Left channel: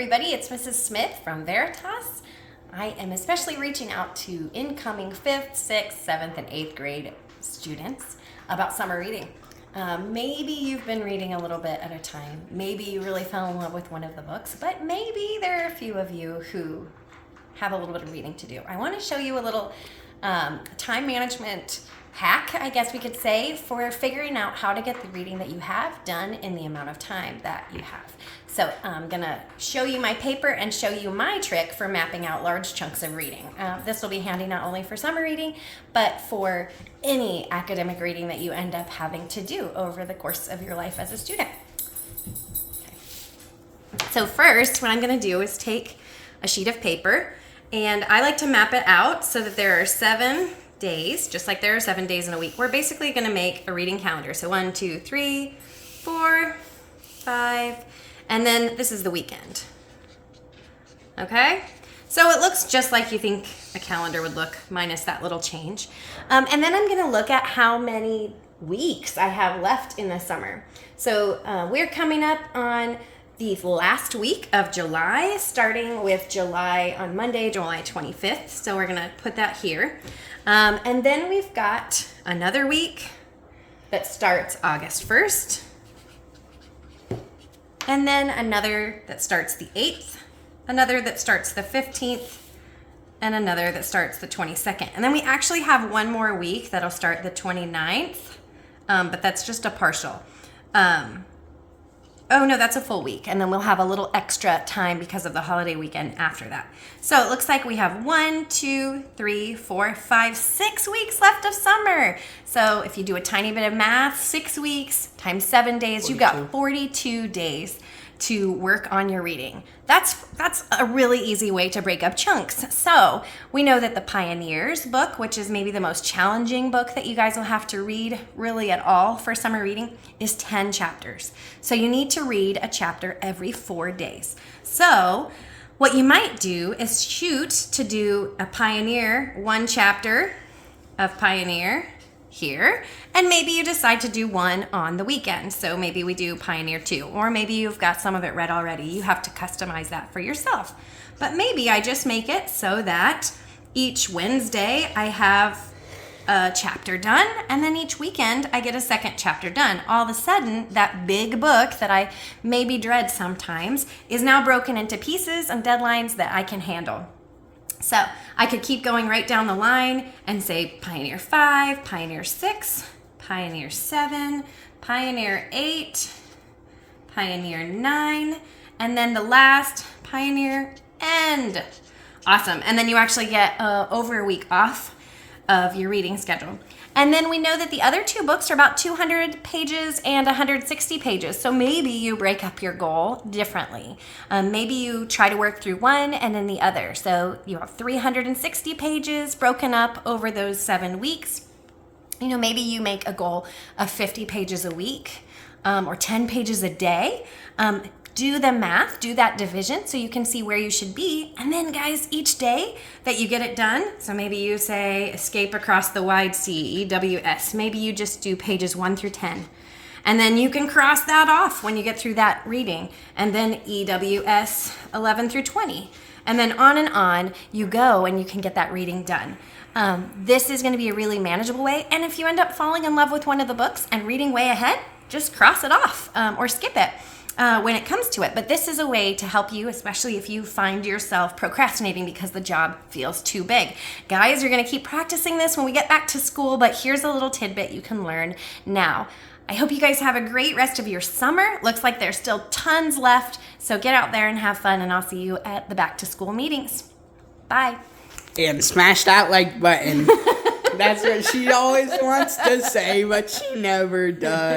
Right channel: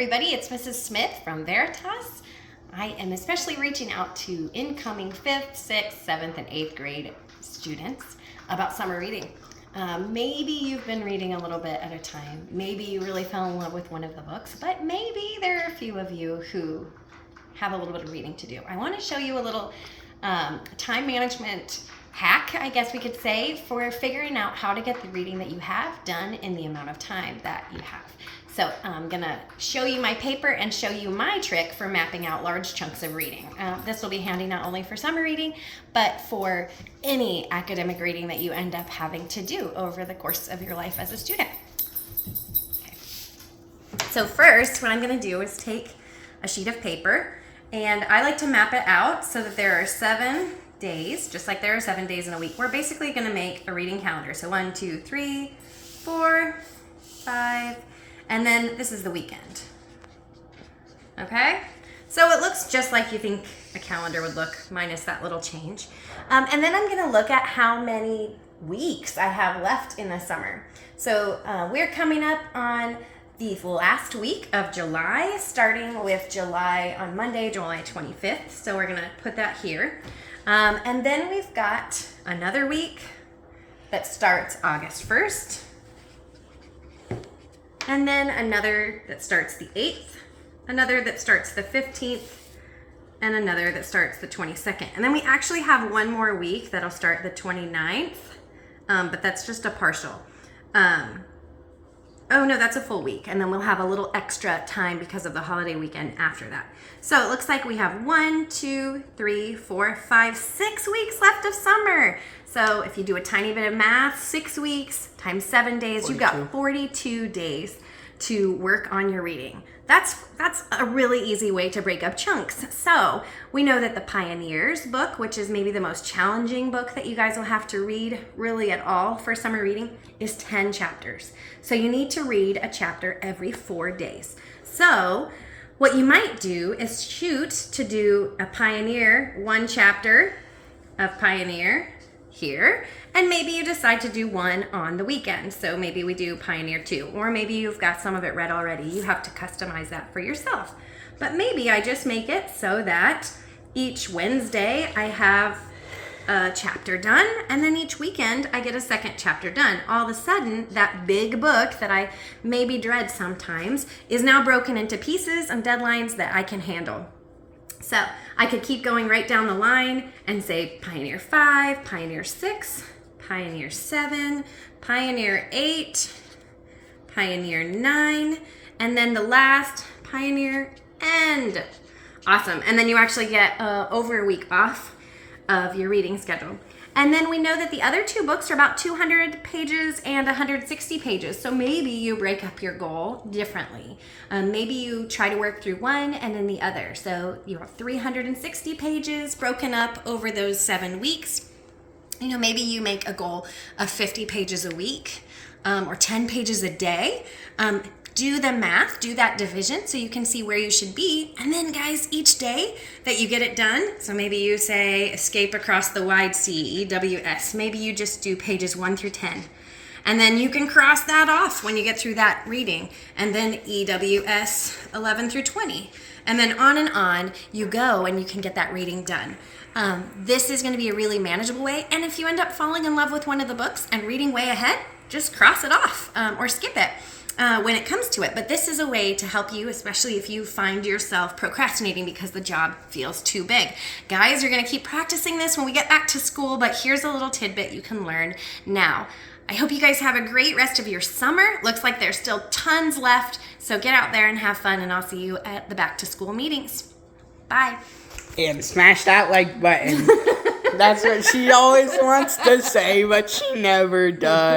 Everybody, it's Mrs. Smith from Veritas. I am especially reaching out to incoming 5th, 6th, 7th, and 8th grade students about summer reading. Maybe you've been reading a little bit at a time. Maybe you really fell in love with one of the books, but maybe there are a few of you who have a little bit of reading to do. I want to show you a little time management hack, I guess we could say, for figuring out how to get the reading that you have done in the amount of time that you have. So I'm gonna show you my paper and show you my trick for mapping out large chunks of reading. This will be handy not only for summer reading, but for any academic reading that you end up having to do over the course of your life as a student. Okay. So first, what I'm gonna do is take a sheet of paper, and I like to map it out so that there are 7 days, just like there are 7 days in a week. We're basically gonna make a reading calendar. So 1, 2, 3, 4, 5, and then this is the weekend. Okay? So it looks just like you think a calendar would look, minus that little change. And then I'm gonna look at how many weeks I have left in the summer. So we're coming up on the last week of July, starting with July on Monday, July 25th. So we're gonna put that here. And then we've got another week that starts August 1st. And then another that starts the 8th, another that starts the 15th, and another that starts the 22nd. And then we actually have one more week that'll start the 29th, but that's just a partial. Oh no, that's a full week. And then we'll have a little extra time because of the holiday weekend after that. So it looks like we have 1, 2, 3, 4, 5, 6 weeks left of summer. So if you do a tiny bit of math, 6 weeks times 7 days, 42. You've got 42 days to work on your reading. That's a really easy way to break up chunks. So we know that the Pioneers book, which is maybe the most challenging book that you guys will have to read really at all for summer reading, is 10 chapters. So you need to read a chapter every 4 days. So what you might do is shoot to do a Pioneer, 1 chapter of Pioneer here, and maybe you decide to do 1 on the weekend. So maybe we do Pioneer 2, or maybe you've got some of it read already. You have to customize that for yourself. But maybe I just make it so that each Wednesday I have a chapter done, and then each weekend I get a second chapter done. All of a sudden, that big book that I maybe dread sometimes is now broken into pieces and deadlines that I can handle. So I could keep going right down the line and say Pioneer 5, Pioneer 6, Pioneer 7, Pioneer 8, Pioneer 9, and then the last Pioneer end. Awesome. And then you actually get over a week off of your reading schedule. And then we know that the other 2 books are about 200 pages and 160 pages. So maybe you break up your goal differently. Maybe you try to work through one and then the other. So you have 360 pages broken up over those 7 weeks. You know, maybe you make a goal of 50 pages a week or 10 pages a day. Do the math, do that division so you can see where you should be. And then guys, each day that you get it done, so maybe you say escape across the wide sea, EWS, maybe you just do pages 1 through 10. And then you can cross that off when you get through that reading. And then EWS 11 through 20. And then on you go, and you can get that reading done. This is going to be a really manageable way. And if you end up falling in love with one of the books and reading way ahead, just cross it off or skip it. When it comes to it. But this is a way to help you, especially if you find yourself procrastinating because the job feels too big. Guys, you're going to keep practicing this when we get back to school, but here's a little tidbit you can learn now. I hope you guys have a great rest of your summer. Looks like there's still tons left, so get out there and have fun, and I'll see you at the back to school meetings. Bye. And smash that like button. That's what she always wants to say, but she never does.